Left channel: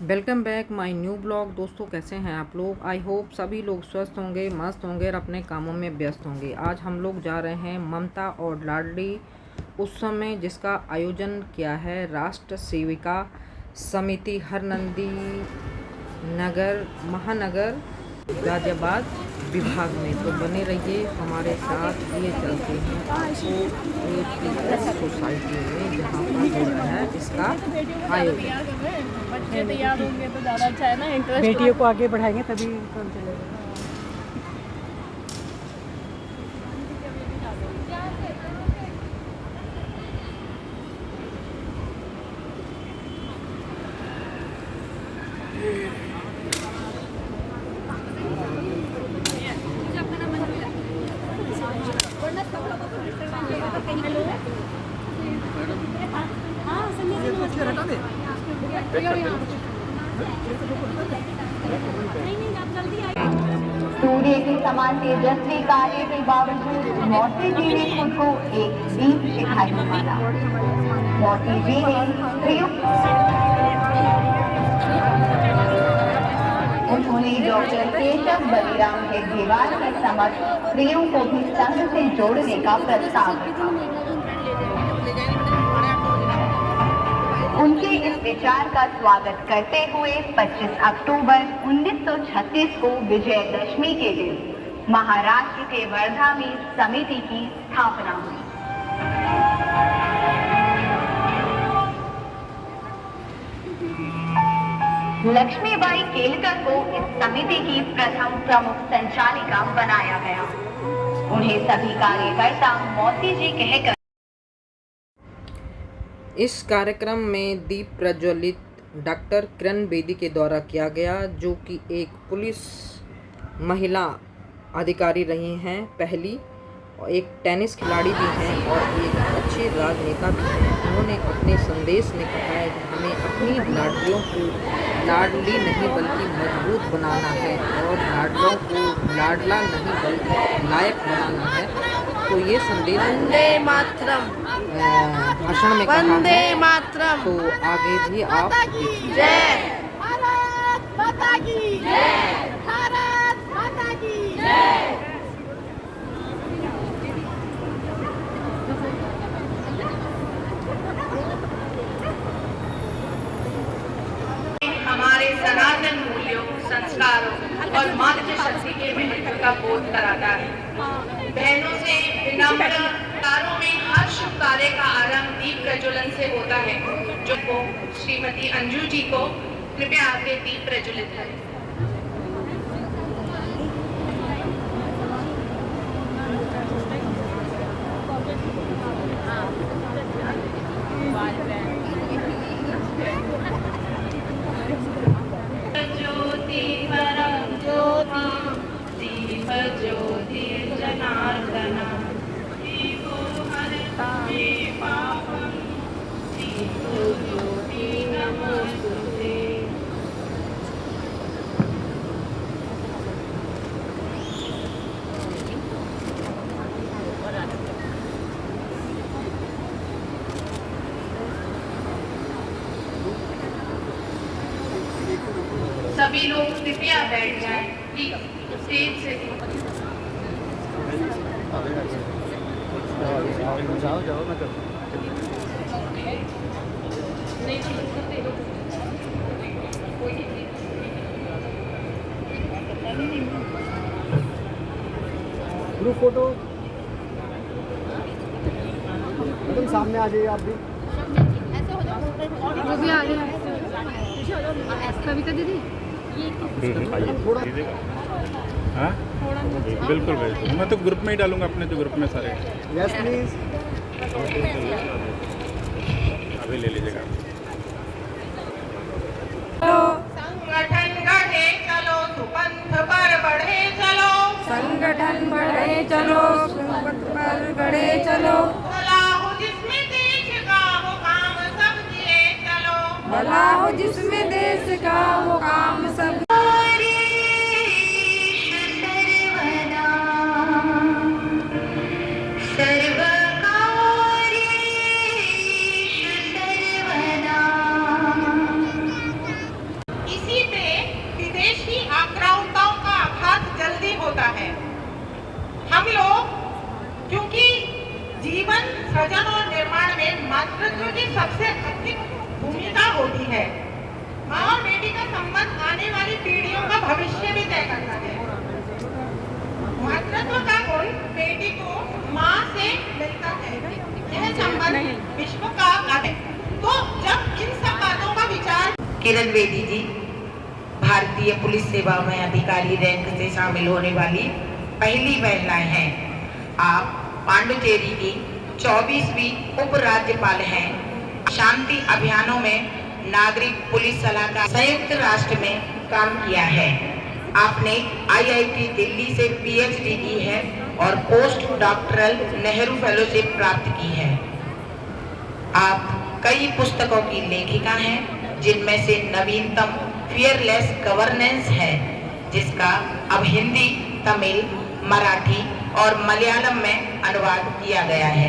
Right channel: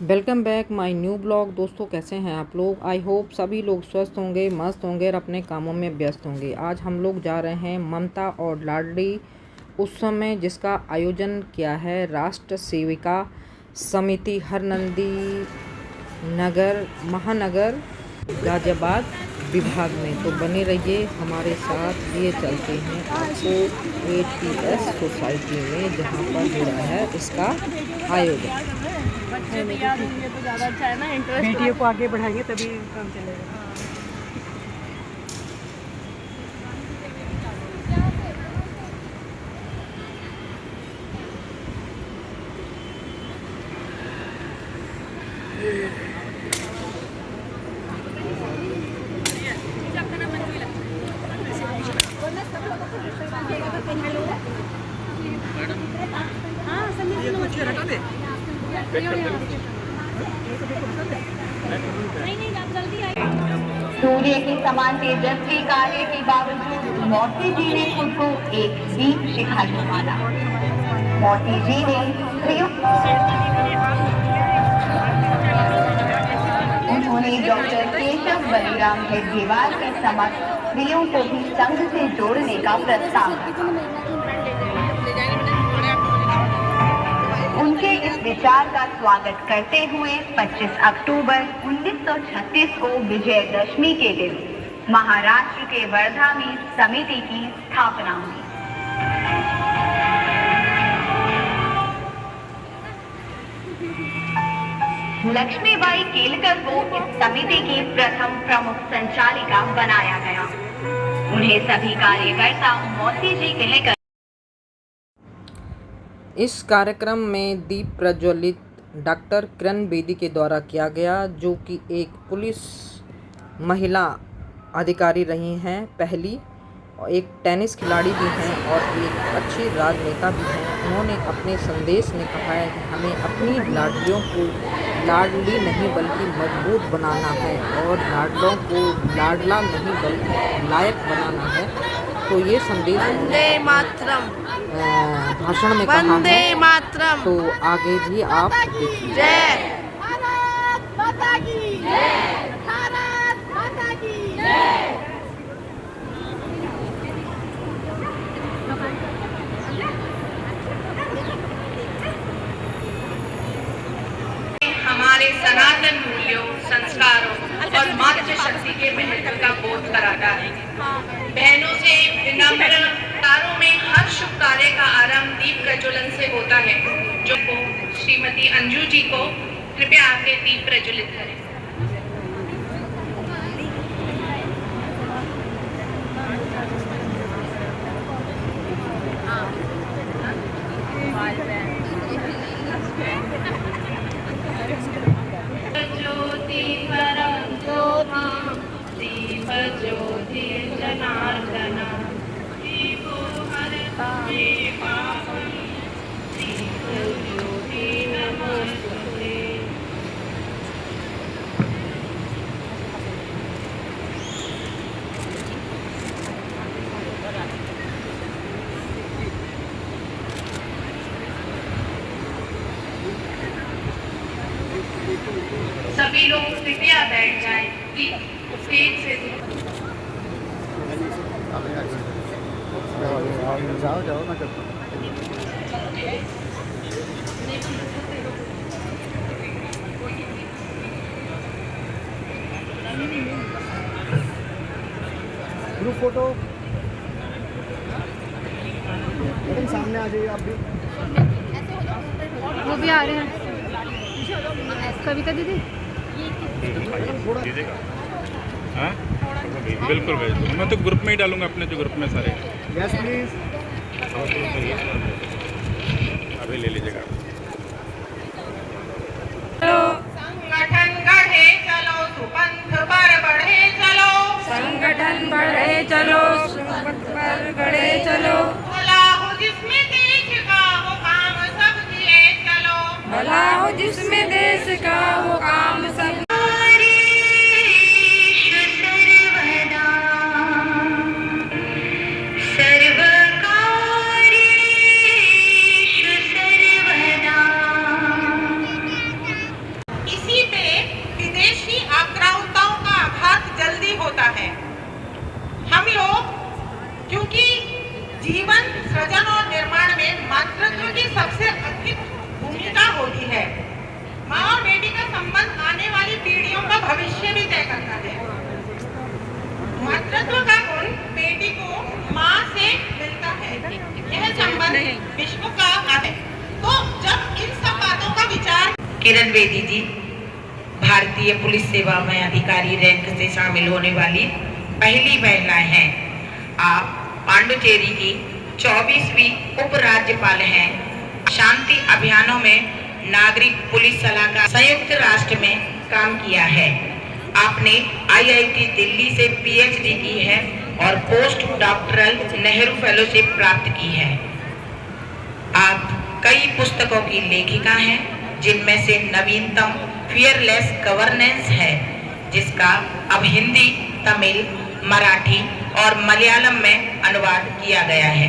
Welcome back my new blog. दोस्तों, कैसे हैं आप लोग? आई होप सभी लोग स्वस्थ होंगे, मस्त होंगे और अपने कामों में व्यस्त होंगे। आज हम लोग जा रहे हैं ममता और लाडली उत्सव में, जिसका आयोजन किया है राष्ट्र सेविका समिति हरनंदी नगर महानगर गाजियाबाद विभाग में। तो बने रहिए हमारे साथ। ये चलते हैं आपको ATS सोसाइटी में, जहाँ पर हो रहा है इसका आयोजन। बच्चे तैयार होंगे तो ज़्यादा अच्छा है ना, इंटरेस्ट बेटियों को आगे बढ़ाएंगे तभी काम चलेगा। सूर्य के समान तेजस्वी कार्य के बावजूद मोती जी ने खुद को एक दीप शिखा माना। मोती जी ने उन्होंने डॉक्टर केशव बलिराम हेडगेवार के समक्ष स्त्रियों को भी संघ से जोड़ने का प्रस्ताव रखा। उनके इस विचार का स्वागत करते हुए 25 अक्टूबर 1936 को विजयदशमी के दिन महाराष्ट्र के वर्धा में समिति की स्थापना हुई। लक्ष्मीबाई केलकर को इस समिति की प्रथम प्रमुख संचालिका बनाया गया। उन्हें सभी कार्यकर्ता मोती जी कहकर इस कार्यक्रम में दीप प्रज्वलित डॉक्टर किरण बेदी के द्वारा किया गया, जो कि एक पुलिस महिला अधिकारी रही हैं पहली, और एक टेनिस खिलाड़ी भी हैं और एक अच्छी राजनेता भी हैं। उन्होंने अपने संदेश में कहा है कि हमें अपनी लाडलियों को लाडली नहीं बल्कि मजबूत बनाना है और लाडलों को लाडला नहीं बल्कि लायक बनाना है। तो ये संदेश वंदे मातरम, भाषण में कहा वंदे है। मातरम, तो आगे भी आप देखिए। जय भारत माता की जय, भारत माता की जय। हमारे सनातन मूल्यों, संस्कारों और मातृशक्ति के महत्व का बोध कराता है। बहनों से विनम्र तारों में हर शुभ कार्य का आरंभ दीप प्रज्वलन से होता है। जो को श्रीमती अंजू जी को कृपया आगे दीप प्रज्वलित करें। ज्योति परम ज्योति दीप ज्योति जनार्दन दीपो हरति पावन दीप ज्योति नमोस्तुते। सभी लोग कृपया बैठ जाएं कि स्टेज से ग्रुप फोटो एकदम सामने आ जाइए आप भी। वो भी आ रहे हैं। कविता दीदी हाँ बिल्कुल बिल्कुल, मैं तो ग्रुप में ही डालूंगा, अपने तो ग्रुप में सारे। Yes please. अभी ले लीजिएगा। संगठन गढ़े चलो, सुपंथ पर बढ़े चलो, संगठन बढ़े चलो, संगठन बढ़े चलो, भला हो जिसमें देश का वो काम सब दिए चलो, भला हो जिसमें देश का वो काम सब। किरण बेदी जी भारतीय पुलिस सेवा में अधिकारी रैंक से शामिल होने वाली पहली महिला हैं। आप पांडुचेरी की 24वीं उपराज्यपाल हैं। शांति अभियानों में नागरिक पुलिस सलाहकार संयुक्त राष्ट्र में काम किया है। आपने IIT दिल्ली से PhD की है और पोस्ट डॉक्टरल नेहरू फेलोशिप प्राप्त की है। आप कई पुस्तकों की लेखिका हैं, जिनमें से नवीनतम फियरलेस गवर्नेंस है, जिसका अब हिंदी, तमिल, मराठी और मलयालम में अनुवाद किया गया है,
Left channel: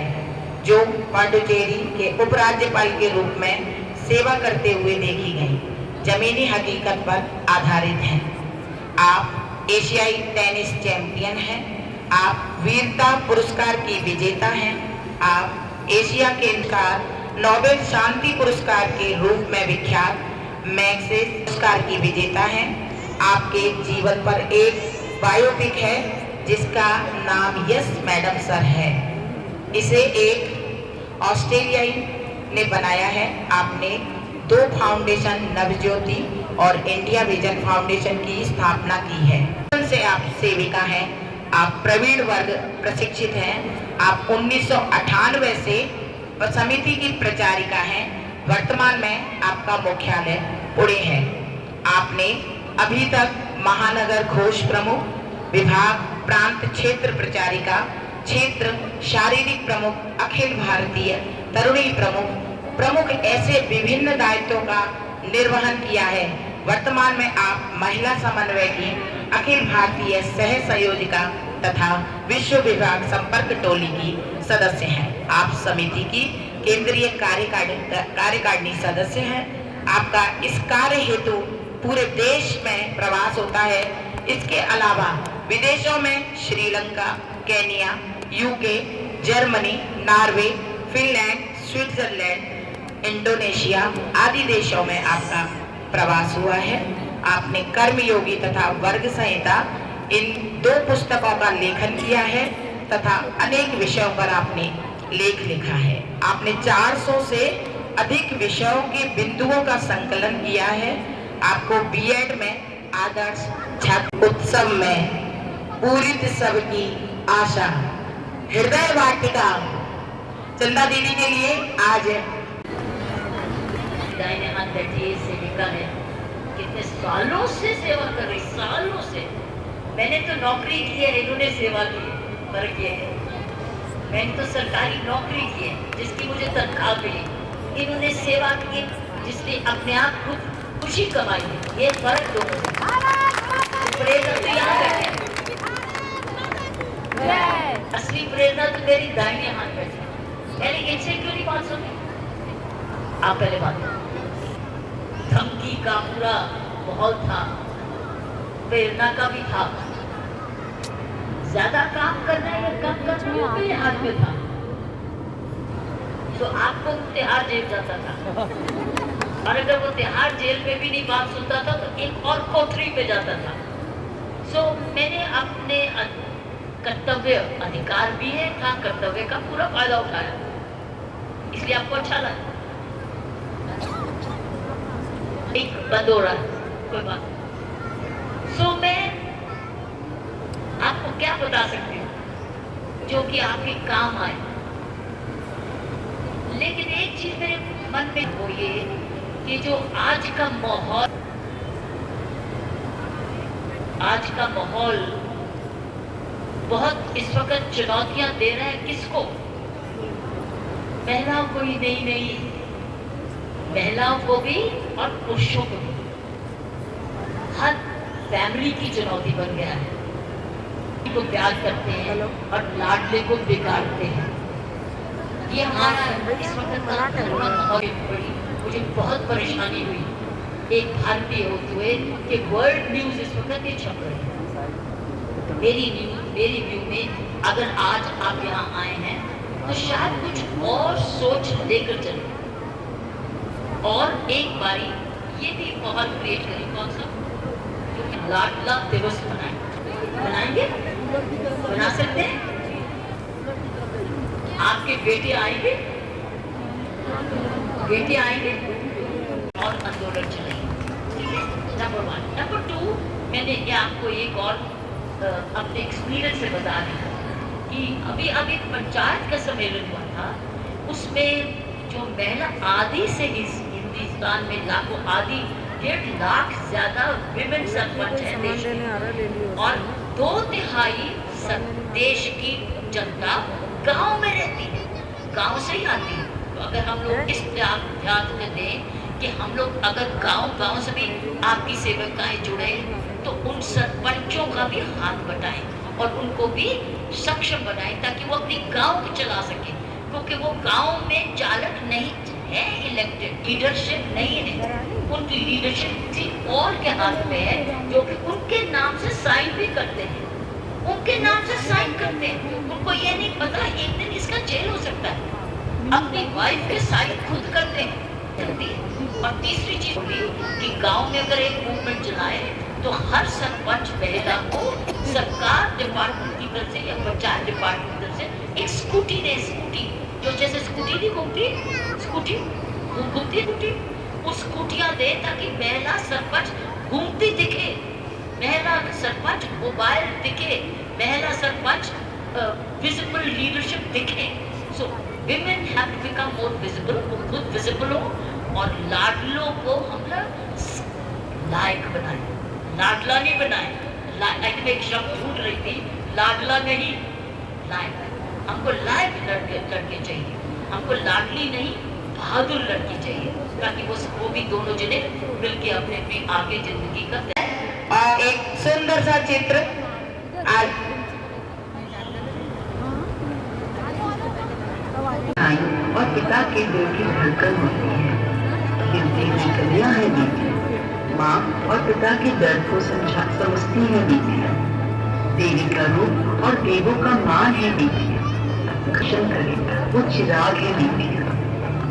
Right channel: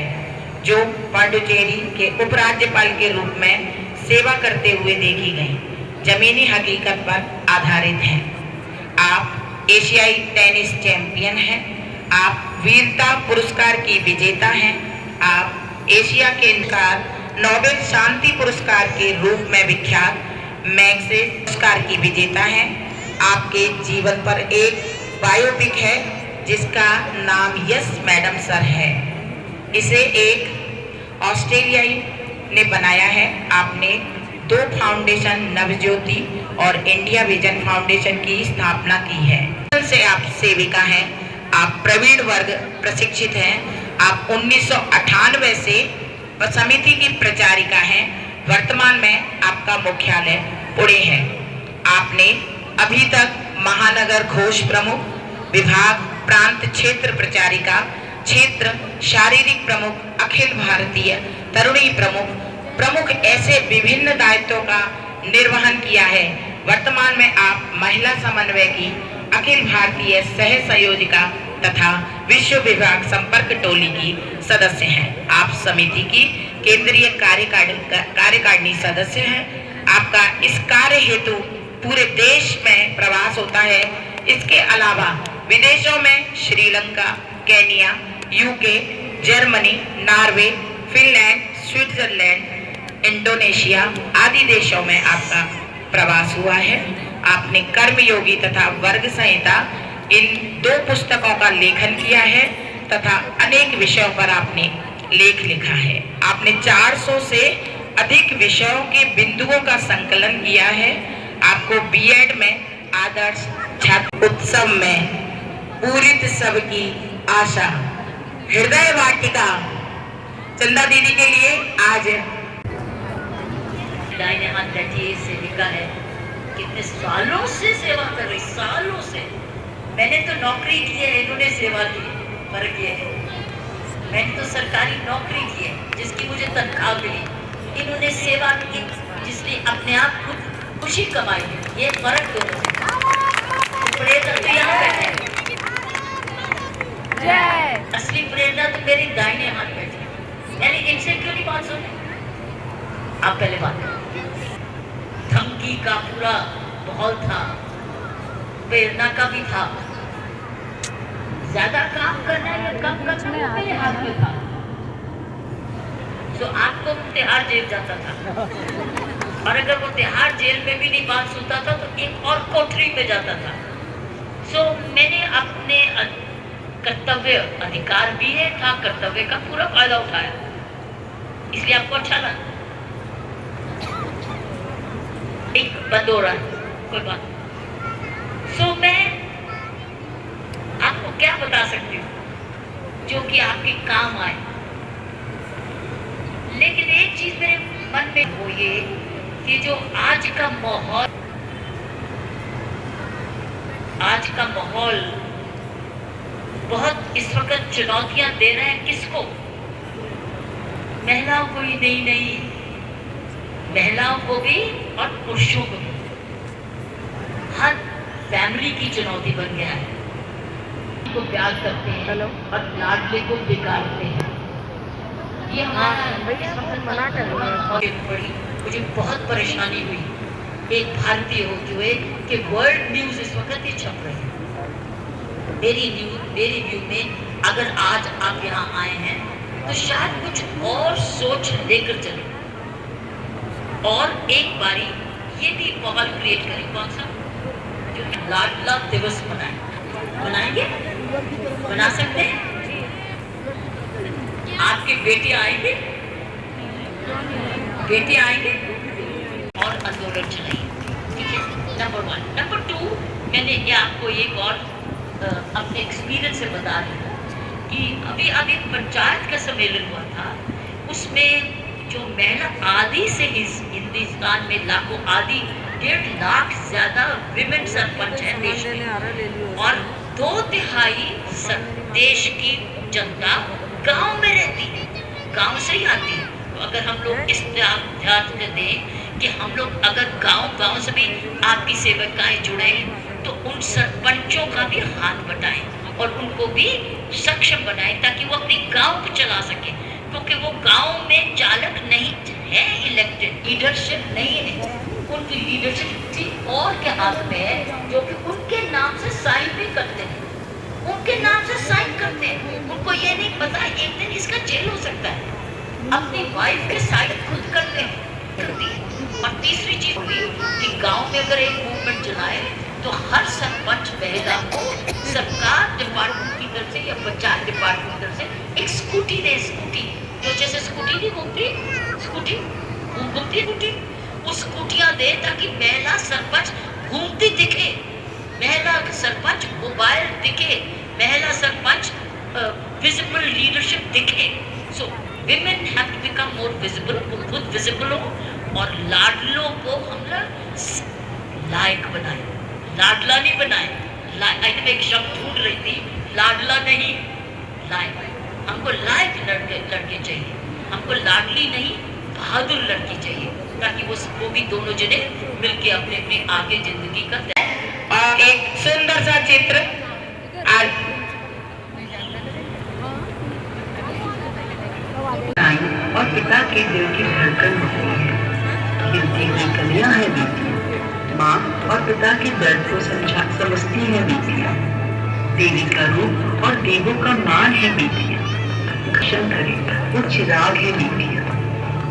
जो पांडुचेरी के उपराज्यपाल के रूप में सेवा करते हुए देखी गई जमीनी हकीकत पर आधारित है। आप एशियाई टेनिस चैंपियन हैं। आप वीरता पुरस्कार की विजेता हैं। आप एशिया के नोबेल शांति पुरस्कार के रूप में विख्यात मैग्सेसे पुरस्कार की विजेता हैं। आपके जीवन पर एक बायोपिक है, जिसका नाम यस मैडम सर है। इसे एक ऑस्ट्रेलियाई ने बनाया है। आपने 2 फाउंडेशन, नवज्योति और इंडिया विजन फाउंडेशन की स्थापना की है। से आप सेविका हैं। आप प्रवीण वर्ग प्रशिक्षित हैं। आप 1998 से समिति की प्रचारिका हैं। वर्तमान में आपका मुख्यालय पुणे है। आपने अभी तक महानगर घोष प्रमुख, विभाग, प्रांत क्षेत्र प्रचारिका, क्षेत्र शारीरिक प्रमुख, अखिल भारतीय तरुणी प्रमुख ऐसे विभिन्न दायित्वों का निर्वहन किया है। वर्तमान में आप महिला समन्वय की अखिल भारतीय सह संयोजिका तथा विश्व विभाग संपर्क टोली की सदस्य हैं। आप समिति की केंद्रीय कार्यकारिणी सदस्य हैं। आपका इस कार्य हेतु पूरे देश में प्रवास होता है। इसके अलावा विदेशों में Sri Lanka, Kenya, UK, Germany, Norway, Finland, Switzerland, Indonesia आदि देशों में आपका प्रवास हुआ है। आपने कर्मयोगी तथा वर्ग संहिता इन 2 पुस्तकों का लेखन किया है तथा अनेक विषयों पर आपने लेख लिखा है। आपने 400 से अधिक विषयों के बिंदुओं का संकलन किया है। आपको B.Ed में आदर्श छात्र उत्सव में पूरित सबकी आशा हृदय वाटिका चंदा दीदी के लिए आज दाहिने हाथ बैठी सेविका है। कितने सालों से सेवा कर रही, सालों से। मैंने तो नौकरी की है, इन्होंने सेवा की, फर्क ये है। मैंने तो सरकारी नौकरी की है, जिसकी मुझे तनख्वाह मिली। इन्होंने सेवा की, जिसने अपने आप खुद खुशी कमाई है। ये फर्क दोनों में। प्रेरणा तो यहाँ बैठे हैं। असली प्रेरणा तो मेरी दाहिने हाथ बैठे है। यानी इनसे क्यों नहीं बात सुनी? आप पहले बात करें। धमकी का पूरा माहौल था, प्रेरणा का भी था। ज्यादा काम करना या कम करना मेरे हाथ में था। तो आपको तिहाड़ जेल जाता था, और अगर वो तिहाड़ जेल में भी नहीं बात सुनता था तो एक और कोठरी में जाता था। सो मैंने अपने कर्तव्य, अधिकार भी है था, कर्तव्य का पूरा फायदा उठाया। इसलिए आपको अच्छा लगा। एक बंद हो रहा है, कोई बात नहीं। सो मैं आपको क्या बता सकती हूँ जो कि आपके काम आए। लेकिन एक चीज मेरे मन में वो ये कि जो आज का माहौल बहुत इस वक्त चुनौतियां दे रहे हैं। किसको? महिलाओं को ही नहीं, महिलाओं को भी और पुरुषों को भी। हर फैमिली की चुनौती बन गया है। को प्यार करते हैं और लाडले को बिगाड़ते हैं। ये मुझे बहुत परेशानी हुई एक भारतीय होते हुए कि वर्ल्ड न्यूज इस वक्त ये छप रही है। मेरी व्यू में अगर आज आप यहाँ आए हैं तो शायद कुछ और सोच लेकर चले और एक बारी ये भी माहौल क्रिएट करें। कौन सा? जो लाडला दिवस मनाएंगे, बना सकते हैं। आपके बेटे आएंगे और आंदोलन चलाई, ठीक है, नंबर 1। नंबर 2, मैंने ये आपको एक और अपने एक्सपीरियंस से बता रही हूँ कि अभी पंचायत का सम्मेलन हुआ था, उसमें जो महिला आदि से हिंदुस्तान में लाखों आदि 1.5 लाख ज्यादा विमेन सरपंच है देश में, और 2/3 देश की जनता गांव में रहती है, गांव से ही आती है। तो अगर हम लोग इस ध्यान दें कि हम लोग अगर गांव से भी आपकी सेवकाएं जुड़े तो उन सरपंचों का भी हाथ बटाएं और उनको भी सक्षम बनाएं ताकि वो अपनी गांव को चला सके, क्योंकि वो गांव में चालक नहीं है, इलेक्टेड लीडरशिप नहीं है, उनकी लीडरशिप किसी और के हाथ में है जो कि उनके नाम से साइन भी करते हैं, उनके नाम से साइन करते हैं। उनको ये नहीं पता एक दिन इसका जेल हो सकता है, अपनी वाइफ के साइन खुद करते हैं। और तीसरी चीज बोली कि गांव में अगर एक मूवमेंट चलाए तो हर सरपंच महिला को सरकार डिपार्टमेंट की तरफ से या पंचायत डिपार्टमेंट की तरफ से एक स्कूटी दे, स्कूटी जो जैसे स्कूटी नहीं घूमती, स्कूटी घूमती, वो स्कूटियां दे ताकि महिला सरपंच घूमती दिखे, महिला सरपंच मोबाइल दिखे, महिला सरपंच विजिबल लीडरशिप दिखे। सो women have to become more visible, वो खुद विजिबल हो, और लाडलों को हम लायक बनाए, लाडला नहीं बनाए। मैं एक शब्द ढूंढ रही थी, लाडला नहीं, लायक। हमको लायक लड़के चाहिए, हमको लाडली नहीं बहादुर लड़की चाहिए, ताकि वो भी दोनों जने मिलके अपने आगे जिंदगी का एक सुंदर सा चित्र आज और पिता के दिल की धड़कन होती है, गिनती की कलियां है बेटियां, माँ और पिता के दर्द को समझती है बेटियां, देवी का रूप और देवों का मान है बेटियां, रक्षण करे वो चिराग है बेटियां।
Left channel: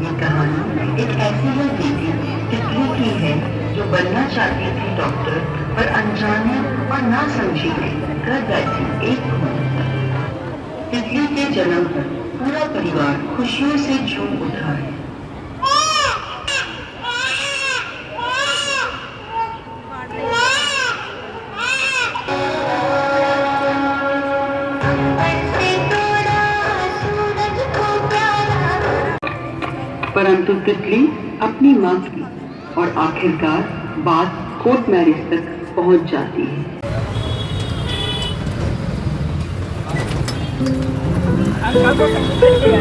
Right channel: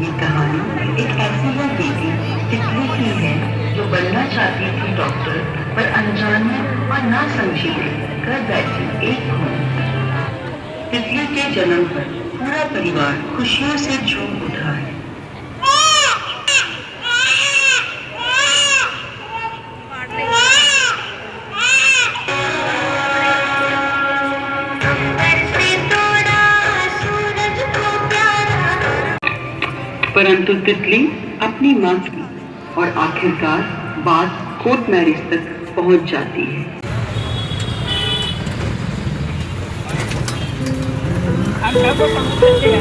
ये कहानी एक ऐसी है बेटी तितली की है जो बनना चाहती थी डॉक्टर, पर अनजाने और ना समझी कर बैठी एक खून। तितली के जन्म पर पूरा परिवार खुशियों से झूम उठा है। परंतु तितली अपनी मां की और आखिरकार बात कोर्ट मैरिज तक पहुंच जाती है। अंकल को समुद्र के